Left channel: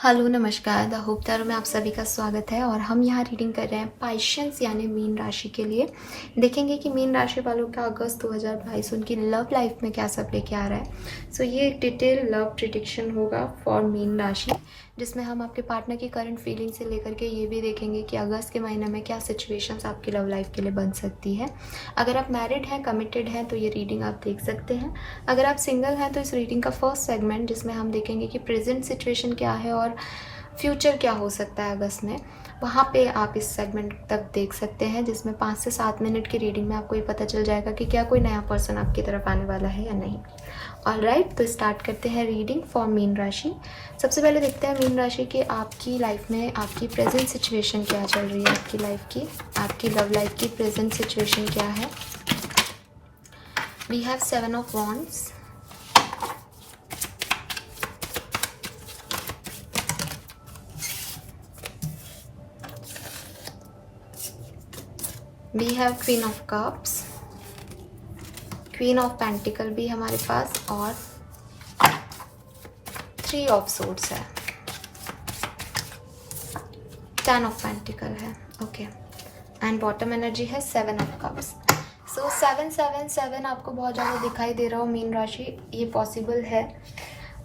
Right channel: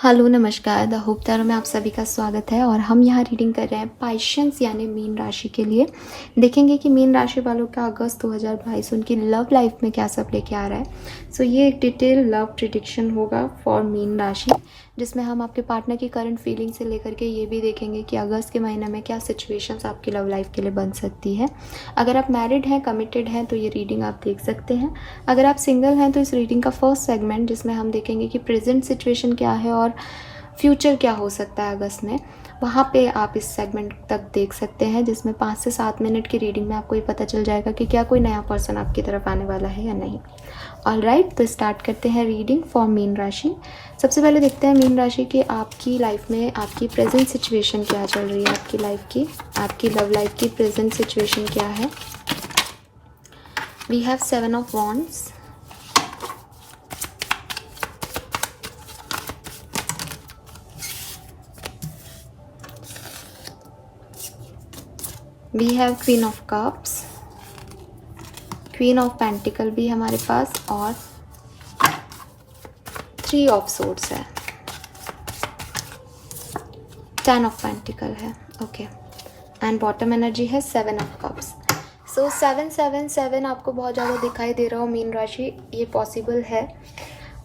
Hello नमस्कार the होपदार में आप सभी का स्वागत है। और हम यहाँ रीडिंग कर रहे हैं पाइशंस यानी मीन राशि के लिए। देखेंगे कि मीन राशि वालों का अगस्त 2022 उनकी लव लाइफ में क्या सब लेके आ रहा है। सो ये एक डिटेल लव प्रिडिक्शन होगा फॉर मीन राशि, जिसमें हम आपके पार्टनर की करंट फीलिंग से लेकर के ये भी देखेंगे कि अगस्त के महीने में क्या सिचुएशंस आपकी लव लाइफ के लिए बन सकती है। अगर आप मैरिड हैं, कमिटेड हैं, तो ये रीडिंग आप देख सकते हैं। अगर आप सिंगल हैं तो इस रीडिंग का फर्स्ट सेगमेंट, जिसमें हम देखेंगे कि प्रेजेंट सिचुएशन क्या है और फ्यूचर क्या हो सकता है अगस्त में, वहाँ पे आप इस सेगमेंट तक देख सकते हैं, जिसमें 5 से 7 मिनट की रीडिंग में आपको ये पता चल जाएगा कि क्या कोई नया पर्सन आपकी तरफ आने वाला है या नहीं। ऑलराइट, तो स्टार्ट करते हैं रीडिंग फॉर मीन राशि। सबसे पहले देखते हैं मीन राशि की आपकी लाइफ में आपकी प्रेजेंट सिचुएशन क्या चल रही है। आपकी लव लाइफ की प्रेजेंट सिचुएशन क्या है। We have 7 of wands, we have queen of cups, queen of pentacle भी हमारे पास, और 3 ऑफ सोर्ड्स है, 10 ऑफ पेंटिकल है। ओके, एंड बॉटम एनर्जी है 7 ऑफ कप्स। सो 777 आपको बहुत ज़्यादा दिखाई दे रहा हो मीन राशि, ये पॉसिबल है।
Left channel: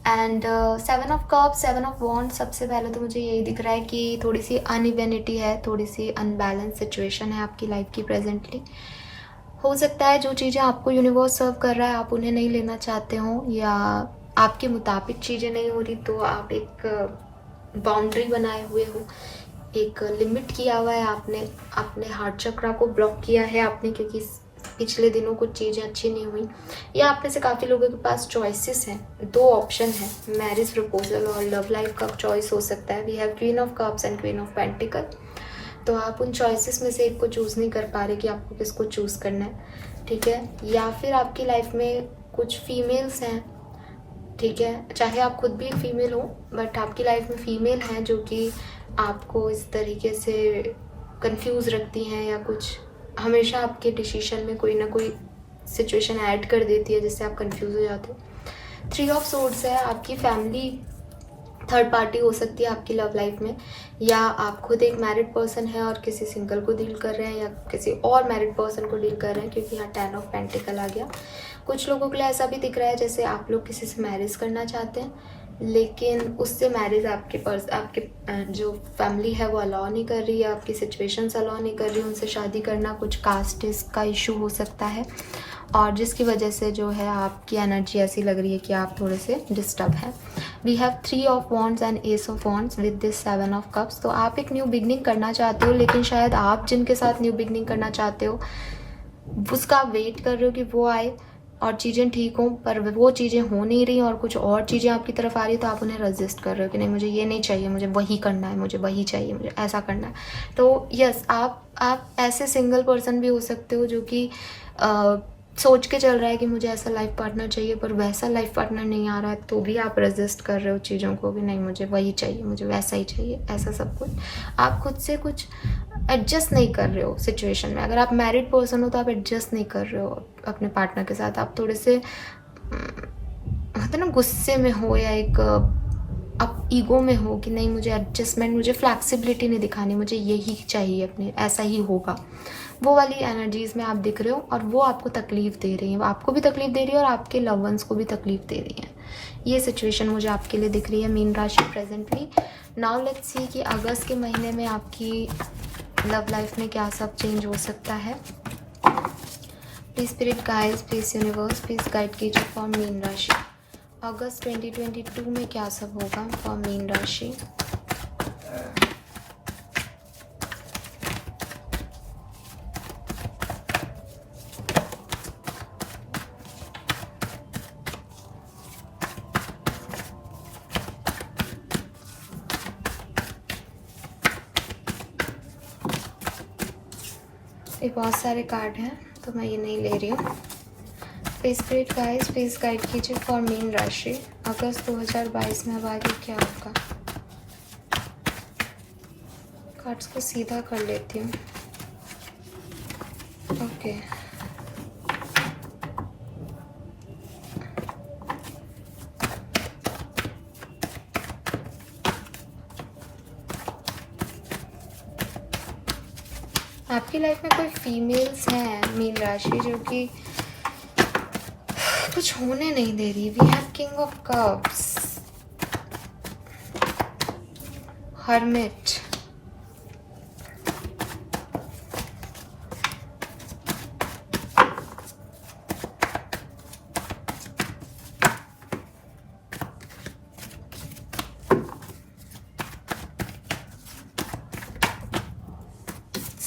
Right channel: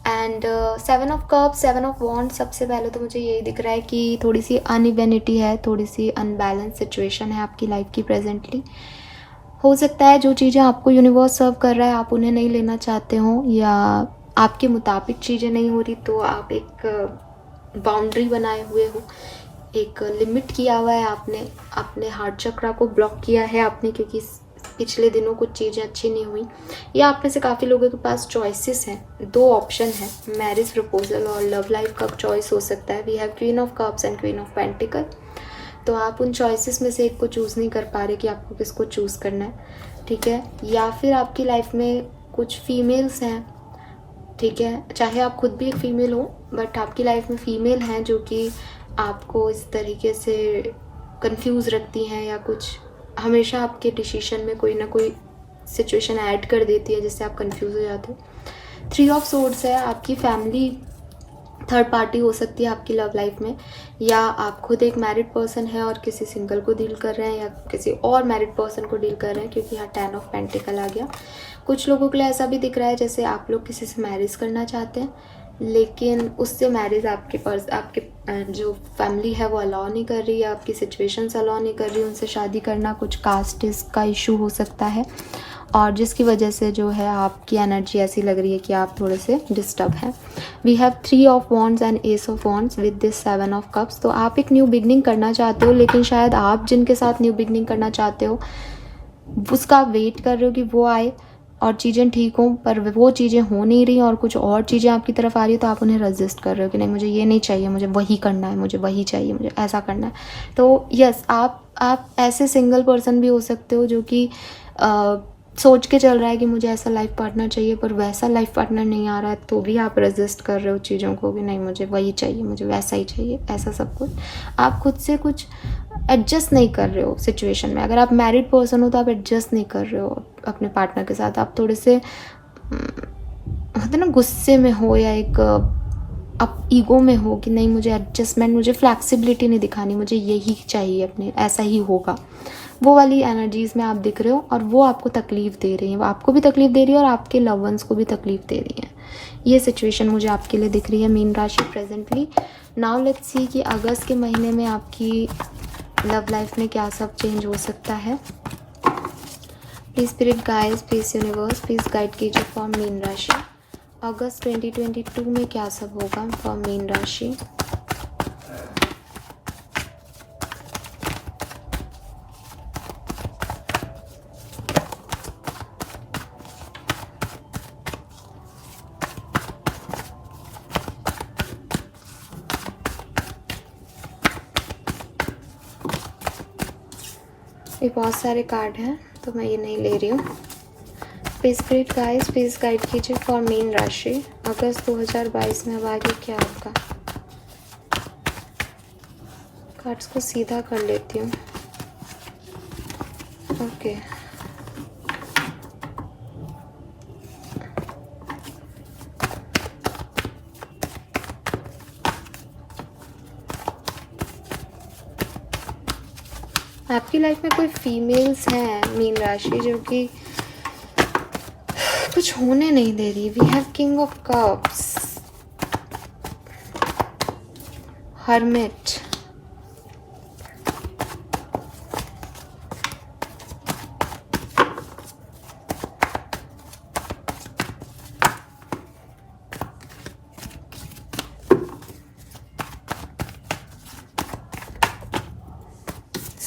एंड 7 ऑफ कप्स, 7 ऑफ वॉन्ड, सबसे पहले तो मुझे यही दिख रहा है कि थोड़ी सी अनइवेनिटी है, थोड़ी सी अनबैलेंस सिचुएशन है आपकी लाइफ की प्रेजेंटली। हो सकता है जो चीज़ें आपको यूनिवर्स सर्व कर रहा है आप उन्हें नहीं लेना चाहते हो, या आपके मुताबिक चीज़ें नहीं हो रही, तो आप एक बाउंड्री बनाए हुए हो, एक लिमिट किया हुआ है आपने, अपने हार्ट चक्रा को ब्लॉक किया है आपने, क्योंकि पिछले दिनों कुछ चीज़ें अच्छी नहीं हुई, या आप में से काफ़ी लोगों के पास चॉइसेस हैं, 2 ऑप्शन है, मैरिज प्रपोजल और लव लाइफ का चॉइस हो सकता है। We have queen of cups and queen of pentacle, तो आप उन चॉइसेस में से एक को चूज़ नहीं कर पा रहे कि आपको किसको चूज़ करना है, ठीक है। या फिर आपकी लाइफ में कुछ फीमेल्स हैं, ठीक है, चाहे आप खुद भी एक फीमेल हो, बट आपकी लाइफ में फीमेल हैं जो कि आपको इस तरीके से कंफ्यूज रखती हैं, या कुछ हमेशा आपके डिसीजन में कोई ना कोई सिचुएशन ऐड कर देती है जिससे आप कंफ्यूज हो जाते हो। 3 ऑफ सोर्ड्स है, आपकी फैमिली थर्ड पार्टी हो सकती है आपकी लव लाइफ में, या आप खुद एक मैरिड पर्सन है और किसी सिंगल को डील कर रहे हैं, या किसी और मैरिड पर्सन को डील कर रहे हैं, क्योंकि यहाँ 10 ऑफ पेंटिकल आ गया। कुछ लोगों के लिए ऐसा भी दिख रहा है जैसे आप लोग किसी से मैरिज करना चाहते हैं, लेकिन उससे मैरिज आपके जो फैमिली है वो अलाउ नहीं कर रही है, आपकी सिचुएशंस अलाउ नहीं कर रही उनसे शादी करना, कुछ कास्ट का इशू हो सकता है, और जिसकी वजह से जो है आपकी एनर्जी ऐसी लग रही है कि आप थोड़े से डिस्टर्ब हैं। We have 3 of wands and ace of wands with this 7 of cups. तो आप एक न्यू बिगनिंग करना चाहते हो, लेकिन शायद आप जिनके साथ न्यू बिगनिंग करना चाहते हो उसका आप वेट कर रहे हो कि वो आए और चीज़ें ठीक हों, पर वो चीज़ें हो नहीं रही और कुछ और चीज़ें आपकी तरफ आ रही है, तो आप उन्हें रजिस्ट कर रहे हो कि नहीं, मुझे ये नहीं चाहिए, मुझे वही करना है, मुझे वही चाहिए, मुझे ऐसा करना है। तो यस, आप ऐसे सिंगल पर्सन भी हो सकते हो जो कि सोच के चल रहा है कि मुझे ऐसा लाइफ पार्टनर चाहिए, पर वैसा लाइफ पार्टनर नहीं आ रहा है, तो भी आप रेजिस्ट कर रहे हो चीज़ों को कि नहीं, मुझे वही चाहिए, मुझे वैसा ही चाहिए, ऐसा सब कुछ। आप खुद से कुछ एडजस्ट नहीं कर रहे हो सिचुएशन में। अगर आप मैरिड पर्सन हो तो आप एडजस्ट नहीं कर रहे हो अपने पार्टनर के साथ, आप थोड़े से होते ना गुस्से में हो, या एक आप ईगो में हो कि नहीं, मुझे एडजस्टमेंट, मुझे फ्लैक्सिबिलिटी नहीं दिखानी, मुझे यही चाहिए, अपने ऐसा ही होगा, वो वाली एनर्जीज में आप दिख रहे हो, और वो आपको तकलीफ दे रही है, वो आपको भी तकलीफ दे रही है और आपके लव वंस को भी तकलीफ दे रही है। ये सिचुएशन मुझे आपके लिए दिख रही है मीन राशि प्रेजेंटली। नाउ लेट्स सी कि अगस्त के महीने में आपकी लव लाइफ में क्या सब चेंज हो सकता है। Please spirit guides, please universe, please guide कीजिए फॉर मीन राशि। अगस्त 2022 में क्या सब होगा फॉर मीन राशि। ये बहुत सारे कार्ड हैं तो मैं ये नहीं ले रही हूँ। स्पिरिट गाइड्स, प्लीज गाइड कीजिए फॉर मीन राशि। अगस्त 2022 में अब आगे क्या होगा। कार्ड्स को सीधा कर लेती हूँ। ओके, आपकी लाइफ में कोई फीमेल्स हैं मीन राशि जो कि कुछ होने नहीं दे रही। We have king of cups, hermit,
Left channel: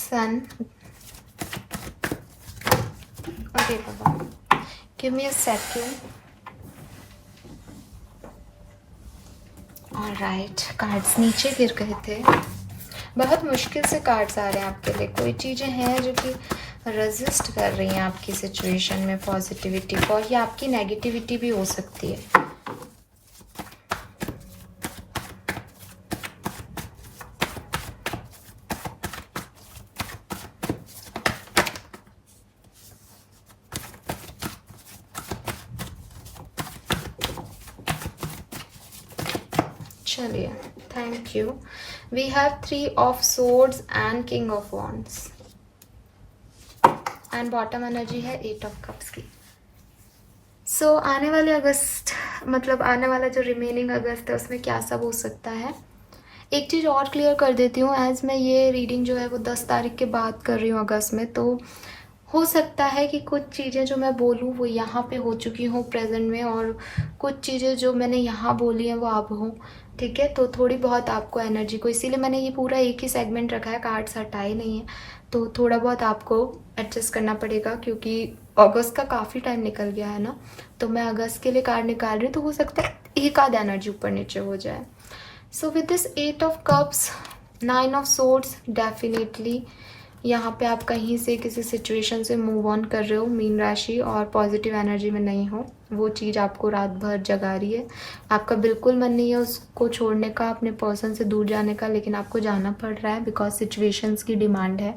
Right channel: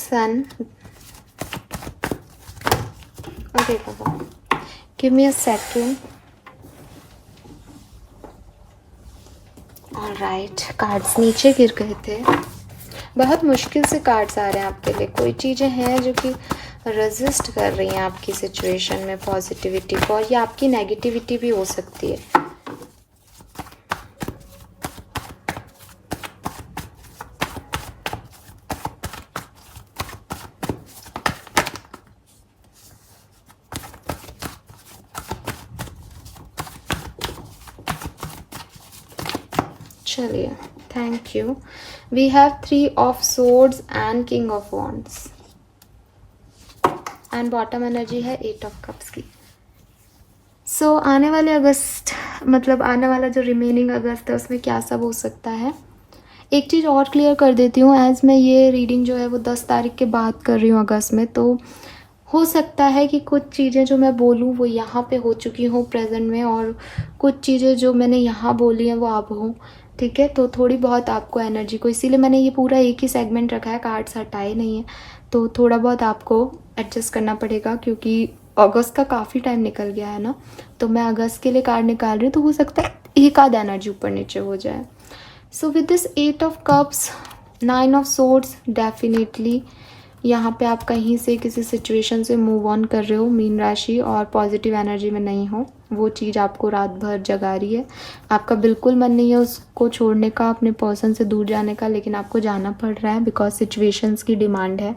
Sun. Okay, give me a second. Alright, cards नीचे गिर गए थे। बहुत मुश्किल से कार्ड्स आ रहे हैं आपके लिए। कोई चीज़ें हैं जो कि रेजिस्ट कर रही हैं आपकी सिचुएशन में पॉजिटिविटी को, और ये आपकी नेगेटिविटी भी हो सकती है। चलिए, thank you. We have 3 of swords and king of wands, and bottom energy है 8 ऑफ कप्स की। सो आने वाले अगस्त, मतलब आने वाला जो रिमेनिंग अगस्त है उसमें क्या सब हो सकता है। एक चीज़ और क्लियर कर देती हूँ, एज मैं ये रीडिंग जो है वो 10 तारीख के बाद कर रही हूँ अगस्त में, तो हो सकता है कि कुछ चीज़ें जो मैं बोलूँ वो यहाँ पे हो चुकी हूँ प्रेजेंट में, और कुछ चीज़ें जो मैंने यहाँ बोली हैं वो अब हो। ठीक है, तो थोड़ी बहुत आपको एनर्जी को, इसीलिए मैंने ये पूरा एक ही सेगमेंट रखा है, कार्ड्स हटाए नहीं है, तो थोड़ा बहुत आपको एडजस्ट करना पड़ेगा, क्योंकि अगस्त का काफ़ी टाइम निकल गया है ना। तो मैं अगस्त के लिए कार्ड निकाल रही हूँ, तो हो सकता है एक आध एनर्जी ऊपर नीचे हो जाए। So with this 8 of cups, 9 of swords, definitely यहाँ पे आप कहीं से किसी सिचुएशन से मूव ऑन कर रहे हो मीन राशि, और पॉजिटिव एनर्जी में नहीं हो। वो चीज़ आपको रात भर जगा रही है। आपका बिल्कुल मन नहीं है उसको छोड़ने का, अपने पर्सन से दूर जाने का, लेकिन आपको जाना पड़ रहा है बिकॉज सिचुएशंस की डिमांड है।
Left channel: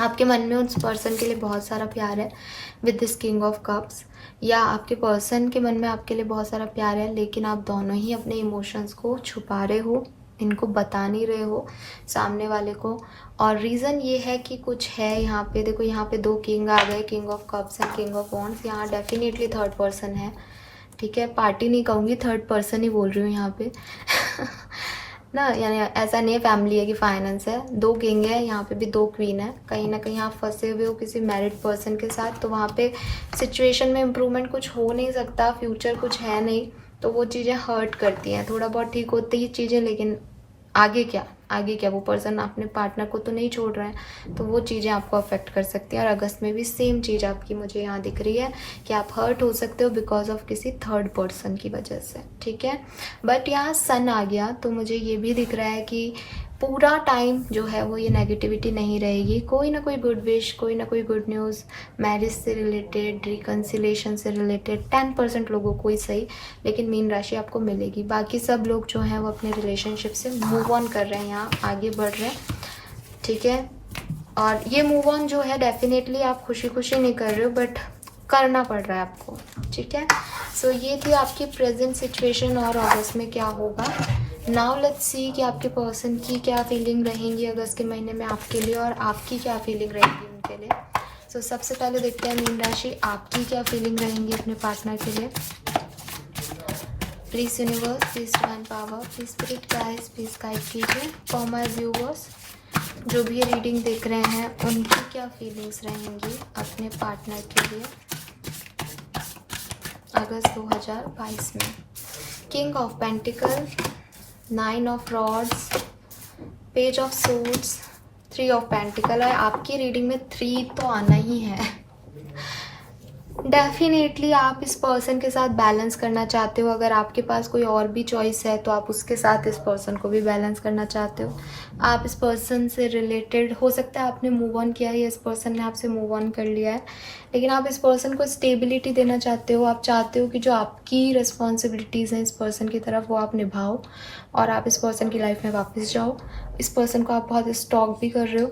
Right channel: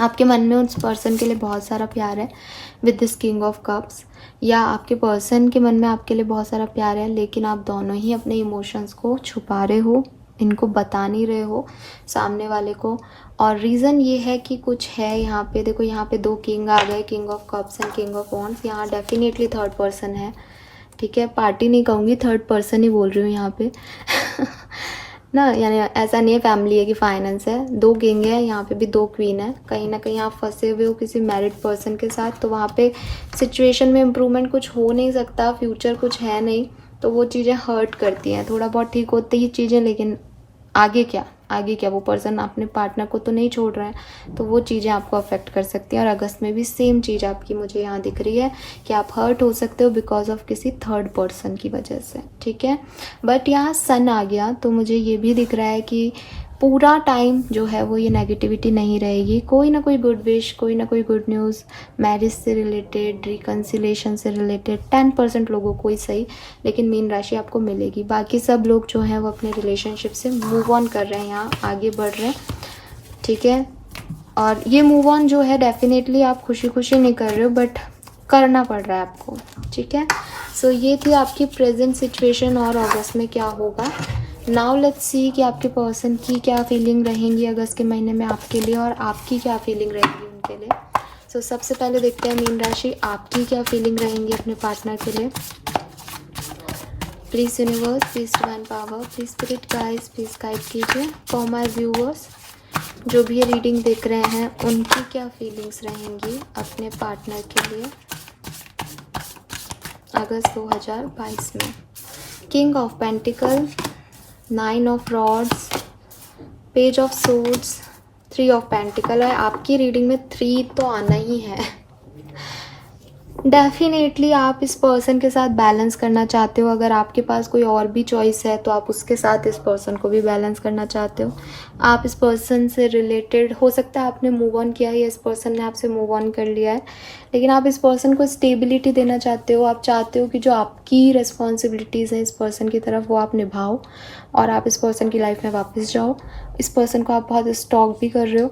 आपके मन में उस पर्सन के लिए बहुत सारा प्यार है with this king of cups, या आपके पर्सन के मन में आपके लिए बहुत सारा प्यार है, लेकिन आप दोनों ही अपने इमोशंस को छुपा रहे हो, इनको बता नहीं रहे हो सामने वाले को। और रीज़न ये है कि कुछ है यहाँ पे, देखो यहाँ पे 2 किंग आ गए, king of cups and king of wands. यहाँ डेफिनेटली थर्ड पर्सन है। ठीक है, पार्टी नहीं कहूँगी, थर्ड पर्सन ही बोल रही हूँ यहाँ पे ना, यानी ऐसा नहीं है फैमिली है कि फाइनेंस है। 2 किंग है, यहाँ पे भी 2 क्वीन है। कहीं ना कहीं आप फंसे हुए हो किसी मैरिड पर्सन के साथ, तो वहाँ पे सिचुएशन में इम्प्रूवमेंट कुछ हो नहीं सकता, फ्यूचर कुछ है नहीं, तो वो चीज़ें हर्ट करती हैं। थोड़ा बहुत ठीक होती ही चीज़ें, लेकिन आगे क्या, आगे क्या, वो पर्सन अपने पार्टनर को तो नहीं छोड़ रहा है, तो वो चीज़ें आपको अफेक्ट कर सकती हैं। और अगस्त में भी सेम चीज़ आपकी मुझे यहाँ दिख रही है कि आप हर्ट हो सकते हो बिकॉज ऑफ किसी थर्ड पर्सन की वजह से। ठीक है, बट यहाँ सन आ गया, तो मुझे ये भी दिख रहा है कि पूरा टाइम जो है वो ये नेगेटिविटी नहीं रहेगी। कोई ना कोई गुड विश, कोई ना कोई गुड न्यूज़, मैरिज से रिलेटेड, रिकन्सिलेशन से रिलेटेड 10% लोगों को ही सही, लेकिन मीन राशि आपको मिलेगी। बाकी सब लोग जो हैं वो अपने रिलेशनशिप से मूव ऑन कर रहे हैं, यहाँ आगे बढ़ रहे हैं। ठीक है, और ये मूव ऑन जो है डेफिनेटली आप खुशी खुशी नहीं कर रहे हो, बट करना पड़ रहा है आपको। ठीक है, सो ये थी आपकी प्रेजेंट सिचुएशन और अगस्त में क्या होगा। नाउ लेट्स सी कि आपके पर्सन की क्या फीलिंग रहेंगी अगस्त के महीने में आपके लिए, और आपकी क्या फीलिंग रहेंगी उनके लिए। सो सबसे पहले देखते हैं मीन राशि आपकी क्या फीलिंग रहेंगी अपने पार्टनर के लिए। Please universe, please divine power, please spirit guides, please guide कीजिए फॉर माय व्यूअर्स जो भी ये रीडिंग देख रहे हैं, उनकी क्या फीलिंग्स रहेंगी अपने पार्टनर के लिए अगस्त 2022 में। King of pentacle, 9 of rods, page of swords, 3 of pentacle है। आपकी रीडिंग में 3 तो आना ही है। डेफिनेटली आप इस पर्सन के साथ बैलेंस करना चाहते हो। अगर आपके पास कोई और भी चॉइस है तो आप उसके साथ इस पर्सन को भी बैलेंस करना चाहते हो। आप इस पर्सन से रिलेटेड, हो सकता है आपने मूव ऑन किया है या इस पर्सन ने आपसे मूव ऑन कर लिया है, लेकिन आप इस पर्सन को स्टेबिलिटी देना चाहते हो। आप चाहते हो कि जो आपकी रिस्पॉन्सिबिलिटीज़ हैं इस पर्सन की तरफ वो आप निभाओ, और आप इस पर्सन की लाइफ में वापस जाओ। इस पर्सन को आप बहुत स्टॉक भी कर रहे हो।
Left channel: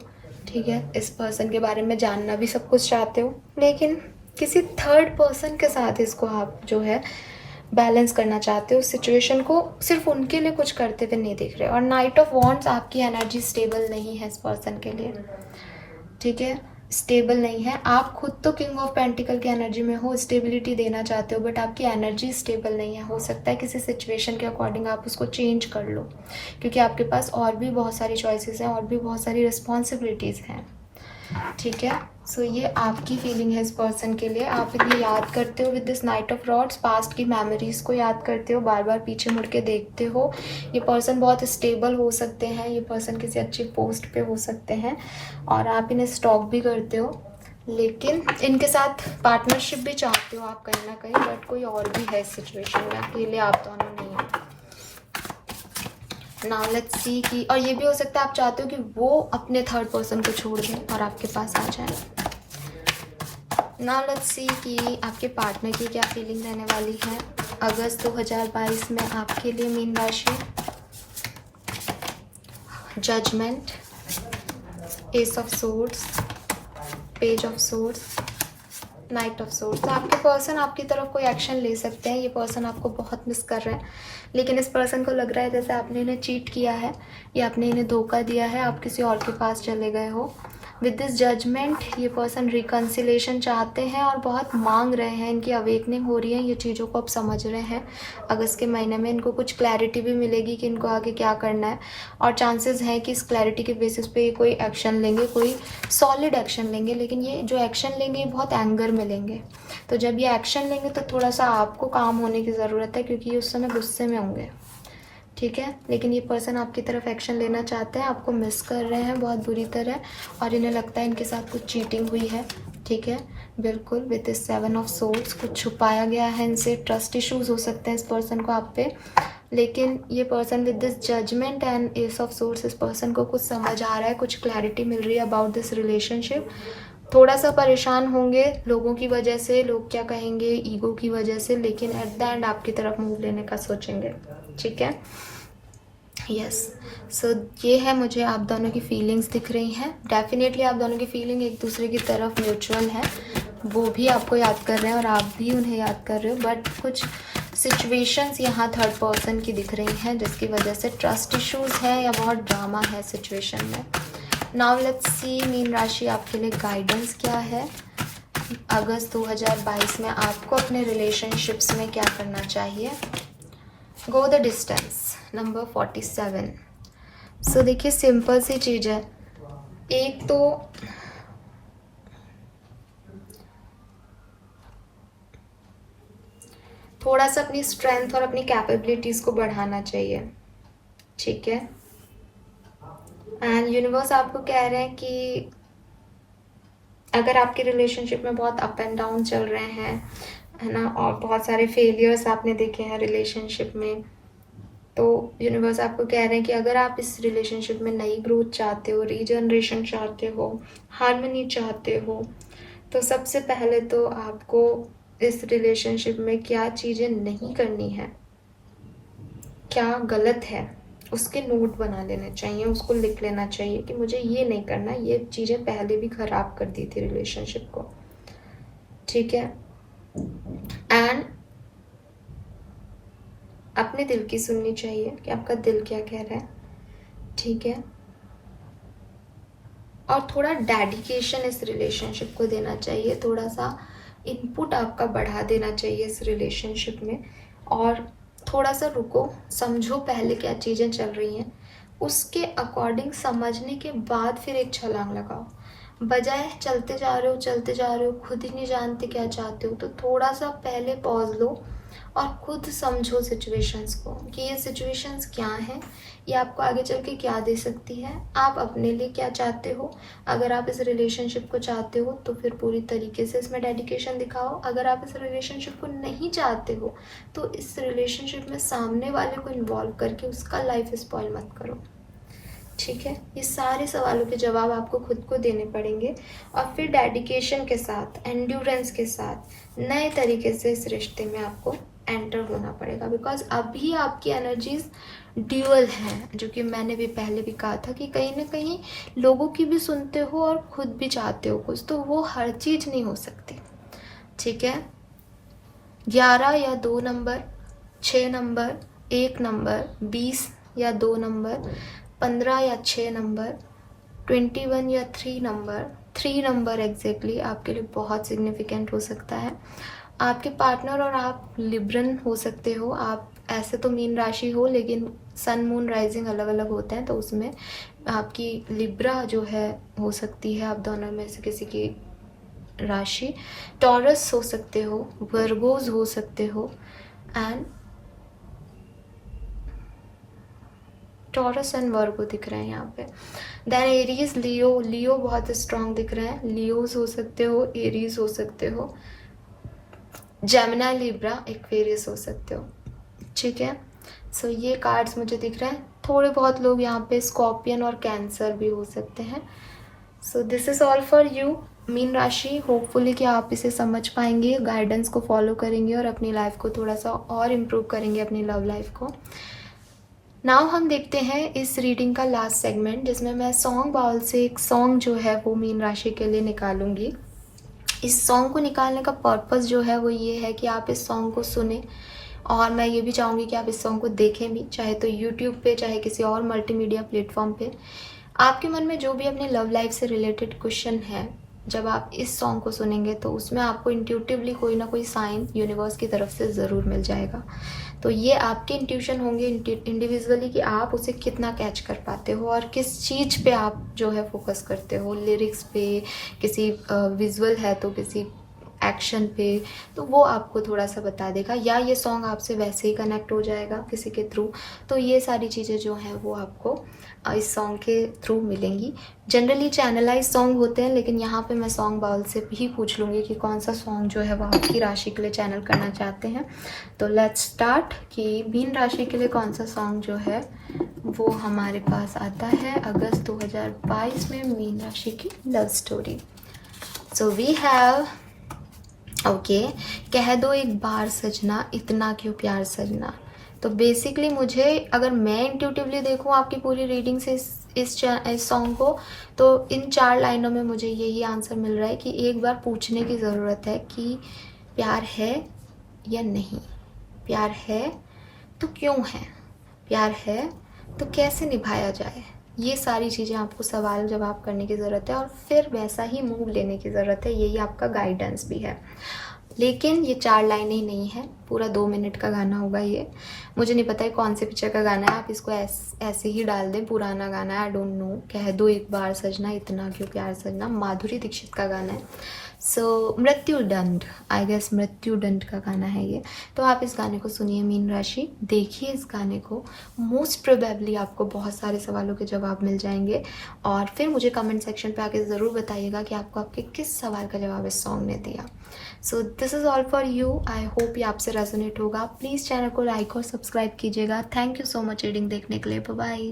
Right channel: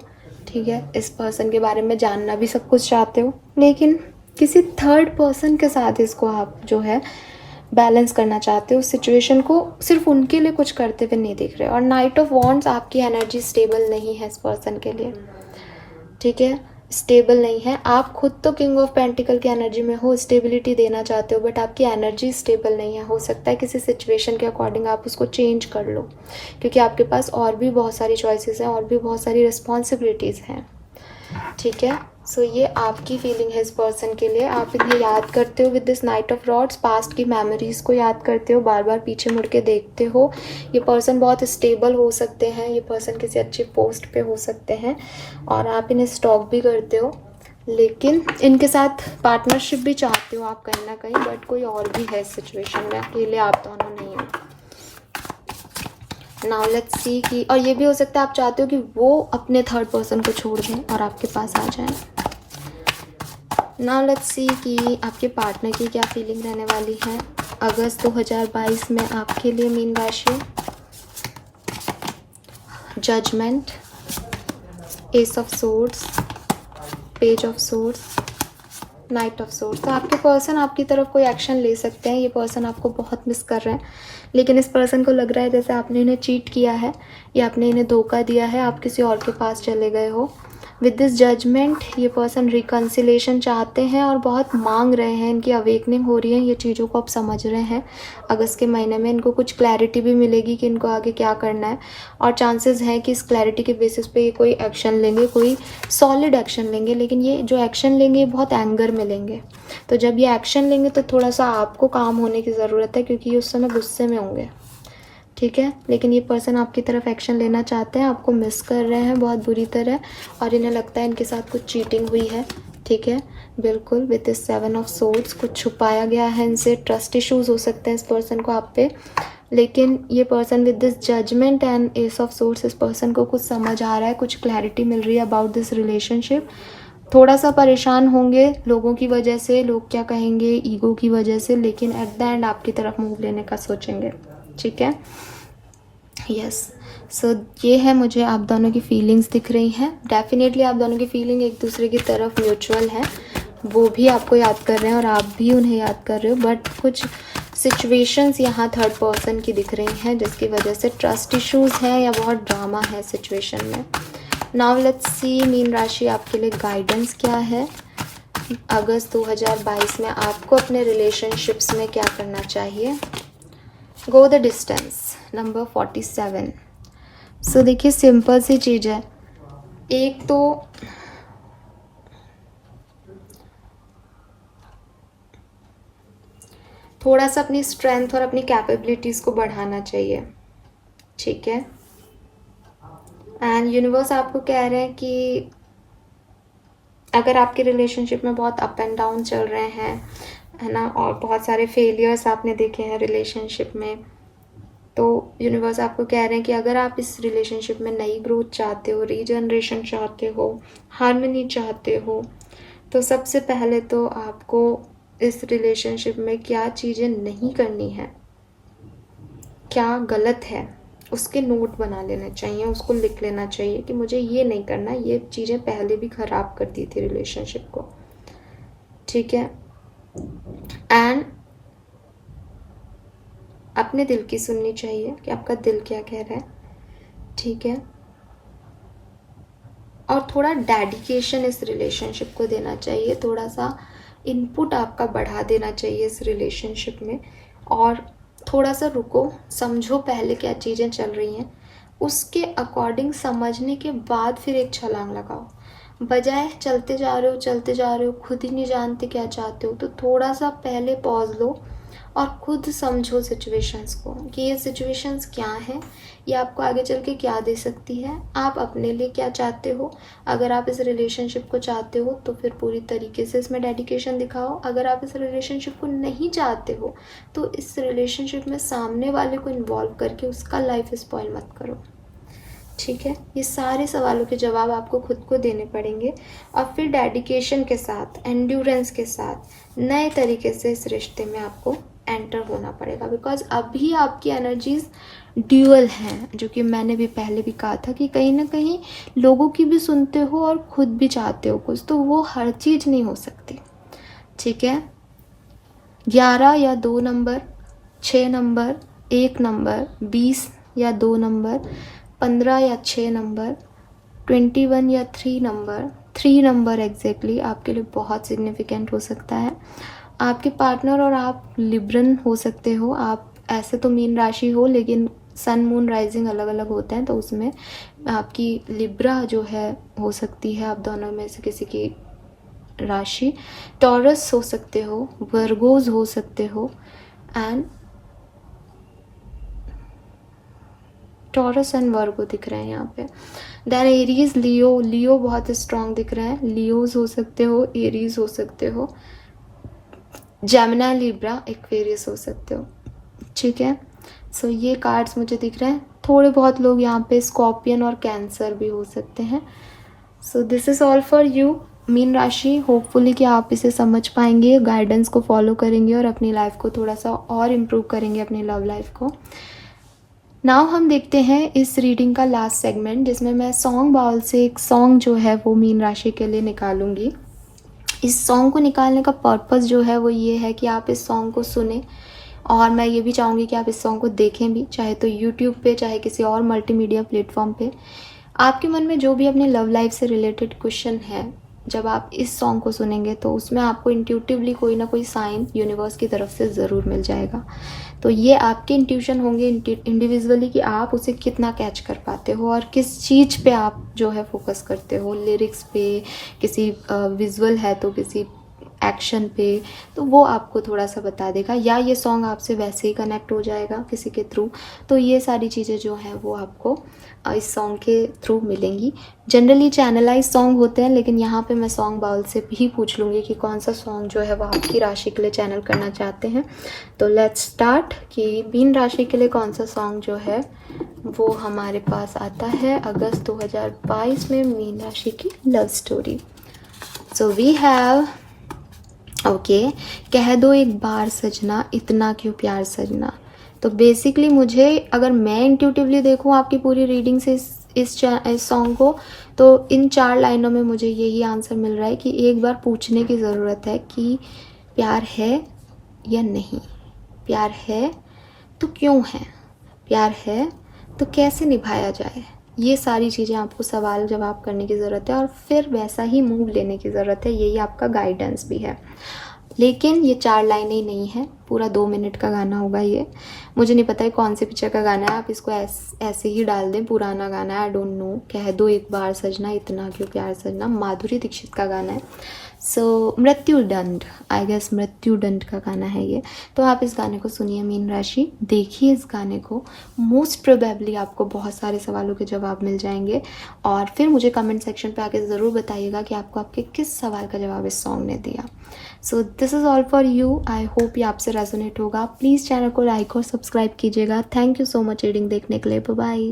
ठीक है, इस पर्सन के बारे में जानना भी सब कुछ चाहते हो, लेकिन किसी थर्ड पर्सन के साथ इसको आप जो है बैलेंस करना चाहते हो। सिचुएशन को सिर्फ उनके लिए कुछ करते हुए नहीं देख रहे। और नाइट ऑफ वॉन्ड्स, आपकी एनर्जी स्टेबल नहीं है इस पर्सन के लिए। ठीक है, स्टेबल नहीं है। आप खुद तो किंग ऑफ पेंटिकल की एनर्जी में हो, स्टेबिलिटी देना चाहते हो, बट आपकी एनर्जी स्टेबल नहीं है। हो सकता है किसी सिचुएशन के अकॉर्डिंग आप उसको चेंज कर लो, क्योंकि आपके पास और भी बहुत सारी चॉइसेस हैं और भी बहुत सारी रिस्पॉन्सिबिलिटीज़ हैं। ठीक है, सो ये आपकी फीलिंग है इस पर्सन के लिए। आप इन्हें याद करते हो with this night of rods, past की मेमोरीज को याद करते हो, बार बार पीछे मुड़ के देखते हो। ये पर्सन बहुत स्टेबल हो सकते हैं, ये पर्सन किसी अच्छी पोस्ट पे हो सकते हैं और आप इन्हें स्टॉक भी करते हो, लेकिन इनके साथ पार्टनरशिप भी चाहते हो आप कहीं ना कहीं, बट कोई और भी है इस सिचुएशन में, अकेले आप दोनों नहीं हो। नाउ लेट्स सी कि, और ये भी हो सकता है आप चाहते हो कि वो अपने थर्ड पर्सन को छोड़ दें और आपके पास आ जाए। नाउ लेट्स सी कि आपके पार्टनर की क्या फीलिंग रहने वाली है अगस्त 2022 में आपके लिए मीन राशि। Judgement, ace of swords, page of swords, knight of swords. तो आपके पर्सन आपकी तरफ कोई एक्शन ले सकते हैं। ये पर्सन आपको बहुत मिस कर रहे हैं, लेकिन इस पर्सन को लग रहा है जैसे आपने इन्हें चीट किया है या आपने इन्हें धोखा दिया है, आप किसी और के पास चले गए हो। विद दिस जजमेंट ये पर्सन रिकन्सिलेशन चाहते हैं और बहुत मांग रहे हैं, इनकी अवेकनिंग हो रही है, ये चीज़ों को आप समझ रहे हैं। अगस्त के महीने में इनको कुछ क्लैरिटी भी मिलेगी कि इनको आगे क्या करना है, और चांसेस हैं कि इस क्लैरिटी के बेसिस पे ये कोई एक्शन लेंगे, कोई सॉलिड एक्शन लेंगे। लेकिन ये जो एक्शन लेंगे ये बहुत एंगर में लेंगे, तो जब ये एक्शन लेंगे तो थोड़ा सा आपको काम होने की ज़रूरत है, क्योंकि ये उस समय गुस्से में होंगे। ठीक है, लेकिन ये पर्सन आपकी तरफ एक्शन लेना चाहते हैं, आपको मिस कर रहे हैं बहुत बुरी तरह, और इन्हें लगता है इनके साथ कुछ चीटिंग हुई है। ठीक है, बिल्कुल। विद दिस 7 ऑफ सोर्ड्स कुछ छुपाया गया है इनसे, ट्रस्ट इश्यूज हो सकते हैं इस पर्सन को आप पे, लेकिन ये person with this judgement and ace of swords, इस पर्सन को कुछ समझ आ रहा है, कुछ क्लैरिटी मिल रही है अबाउट दिस रिलेशनशिप। थोड़ा सा परेशान होंगे लोगों की वजह से, लोग क्या कहेंगे, ईगो की वजह से, लेकिन एट द एंड आपकी तरफ मूव लेने का सोचेंगे। ठीक है, यस। सो ये है, मुझे आप दोनों की फीलिंग्स दिख रही हैं। डेफिनेटली आप दोनों की फीलिंग एक दूसरे की तरफ म्यूचुअल है, वो भी आपको याद कर रहे हैं और आप भी उन्हें याद कर रहे हो, बट कुछ सिचुएशंस यहाँ थर्ड पर्सन की दिख रही हैं जिसकी वजह से ट्रस्ट इश्यूज है या बहुत ड्रामा है सिचुएशन में। नाउ लेट्स सी मीन राशि आपके लिए गाइडेंस क्या है अगस्त 2022 में। आपको अपने रिलेशनशिप्स में क्या करना चाहिए। Go the distance, number 47। सो देखिए, सिंपल सी चीज़ है। एक तो थोड़ा सा अपनी स्ट्रेंथ और अपनी कैपेबिलिटीज़ को बढ़ाना चाहिए। ठीक है, एंड यूनिवर्स आपको कह रहे हैं कि अगर आपके रिलेशनशिप में बहुत अप एंड डाउन चल रहे हैं, है ना, और बहुत सारे फेलियर्स आपने देखे हैं रिलेशनशिप में, तो यूनिवर्स आपको कह रहे हैं कि अगर आप इस रिलेशनशिप में नई ग्रोथ चाहते हो, रीजनरेशन चाहते हो, हार्मनी चाहते हो, तो सबसे पहले तो आपको इस रिलेशनशिप में क्या चीज़ें नहीं करनी है, क्या गलत है, उसके नोट बना लेने चाहिए, उसको लिख लेना चाहिए कि मुझे ये नहीं करना, ये चीज़ें पहले भी ख़राब कर दी थी रिलेशनशिप को। ठीक है, एंड अपने दिल की सुननी चाहिए कि आपका दिल क्या कह रहा है। ठीक है, और थोड़ा डेडिकेशन इस रिलेशनशिप को देना चाहिए, थोड़ा सा इनपुट आपका बढ़ा देना चाहिए इस रिलेशनशिप में, और थोड़ा सा रुको, समझो पहले क्या चीज़ें चल रही हैं, उसके अकॉर्डिंग समझने के बाद फिर एक छलांग लगाओ। बजाय चलते जा रहे हो, खुद ही नहीं जानते क्या चाहते हो, तो थोड़ा सा पहले पॉज लो और खुद समझो सिचुएशंस को कि ये सिचुएशंस क्या हैं, ये आपको आगे चल के क्या दे सकती है, आप अपने लिए क्या चाहते हो। अगर आप इस रिलेशनशिप को चाहते हो तो फिर पूरी तरीके से इसमें डेडिकेशन दिखाओ। अगर आप इस रिलेशनशिप को नहीं चाहते हो तो इस रिलेशनशिप में सामने वाले को इन्वॉल्व करके उसका लाइफ स्पॉइल मत करो। ठीक है, ये सारे सवालों के जवाब आपको खुद को देने पड़ेंगे, और फिर डेडिकेशन के साथ, एंड्योरेंस के साथ नए तरीके से इस रिश्ते में आपको एंटर होना पड़ेगा, बिकॉज अभी आपकी एनर्जीज ड्यूअल हैं, जो कि मैंने भी पहले भी कहा था कि कहीं ना कहीं लोगों की भी सुनते हो और खुद भी चाहते हो कुछ, तो वो हर चीज़ नहीं हो सकती। ठीक है, 11 या 2 नंबर, 6 नंबर, 1 नंबर, 20 या 2 नंबर, 15 या 6 नंबर, 21 या 3 नंबर एग्जैक्टली आपके लिए बहुत सिग्निफिकेंट हो सकता है। आपके पार्टनर और आप लिब्रन हो सकते हो। आप ऐसे तो मीन राशि हो, लेकिन सन मून राइजिंग अलग अलग होते हैं, तो उसमें आपकी लिब्रा जो है हो सकती है। आप दोनों में से किसी की राशि। टॉरस हो सकते हो, वर्गोज हो सकते हो, एंड टॉरस एंड वर्गो दिख रहे हैं यहाँ पे। देन एरीज, लियो बहुत स्ट्रांग दिख रहे हैं। लियोज हो सकते हो, एरीज हो सकते हो, जेमिनी, लिब्रा, एक्वेरियस हो सकते हो। ठीक है, सो ये कार्ड्स मुझे दिख रहे हैं। थोड़े बहुत लोग यहाँ पे स्कॉर्पियन और कैंसर भी हो सकते हैं। So this is all for you mean राशि। होपफुली कि आप इसे समझ पाएंगे, गाइडेंस को फॉलो करेंगे और अपनी लाइफ को थोड़ा सा और इम्प्रूव करेंगे, अपनी लव लाइफ को। नाउ हम देखते हैं इस रीडिंग का लास्ट सेगमेंट, जिसमें मैं सॉन्ग बाउल से एक सॉन्ग जो है वो मीन राशि के लिए निकालूंगी। इस सॉन्ग को निकालने का पर्पस जो है वो ये है कि आप इस सॉन्ग को सुने, और मैं ये भी चाहूँगी कि आप इस सॉन्ग को देखें भी, चाहे तो यूट्यूब पे, चाहे किसी और मल्टीमीडिया प्लेटफॉर्म पे। आपके मन में जो भी अपने लव लाइफ से रिलेटेड क्वेश्चन है, जब आप इस सॉन्ग को सुनेंगे तो उसमें आपको इंट्यूटिवली कोई ना कोई साइन यूनिवर्स की तरफ से ज़रूर मिल जाएगा। तो ये आपके इंट्यूशन होंगे इंडिविजुअली कि आप उसे कितना कैच कर पाते हो और किस चीज़ पे आप जो है फोकस करते हो, लिरिक्स पे, किसी विजुअल है तो किसी एक्शन पे, तो वो आपको थोड़ा सा बता देगा, या ये सॉन्ग आपसे वैसे ही कनेक्ट हो जाएगा किसी के थ्रू। तो ये सारी चीज़ें जो हैं वो आपको इस सॉन्ग के थ्रू मिलेंगी। जनरली चैनलाइज सॉन्ग होते हैं, लेकिन यहाँ पे मैं सॉन्ग बाउल से भी पूछ लूँगी कि कौन सा सॉन्ग जो है वो आपकी राशि के लिए चैनल करना चाहते हैं। तो लेट्स स्टार्ट कि मीन राशि के लिए कौन सा सॉन्ग जो है वो हमारे पास आता है अगस्त 2022 में मीन राशि की love story. So we have okay, कह दो एक बार सजना, इतना क्यों प्यार सजना। तो बेसिकली मुझे, अगर मैं इंट्यूटिवली देखूं आपकी पूरी रीडिंग से इस सॉन्ग को, तो इन 4 लाइनों में मुझे यही आंसर मिल रहा है कि एक बार पूछने की ज़रूरत है कि प्यार है या नहीं, प्यार है तो क्यों है, प्यार है तो कैसे निभाया जाए। ये सारी चीज़ें आपको सवाल जवाब करने की ज़रूरत है, और फिर वैसा ही मूव लेने की ज़रूरत है। यही आपका गाइडेंस भी है। लेकिन ये 4 लाइनें ही नहीं है, पूरा 2 मिनट का गाना होगा ये। मुझे नहीं पता है कौन से पिक्चर का गाना है, आप इसको ऐसे ही डाल दें, पुराना गाना है, आई डोंट नो। कह दो एक बार सजना, इतना क्यों प्यार सजना, माधुरी दीक्षित का गाना है। सो मृत्युदंड, आई गेस मृत्युदंड का गाना है ये। तो आप इस गाने को सुनिए मीन राशि, देखिए इस गाने को, मोस्ट प्रोबेबली आपको बहुत सारे सवालों के जवाब मिल जाएंगे। और फिर मुझे कमेंट सेक्शन पे आके ज़रूर बताइएगा कि आपको आपके किस सवाल का जवाब इस सॉन्ग ने दिया। So this is all for you. I hope ये आपसे रेजोनेट होगा। प्लीज़ चैनल को लाइक और सब्सक्राइब कीजिएगा। Thank you so much reading देखने के लिए। बाय।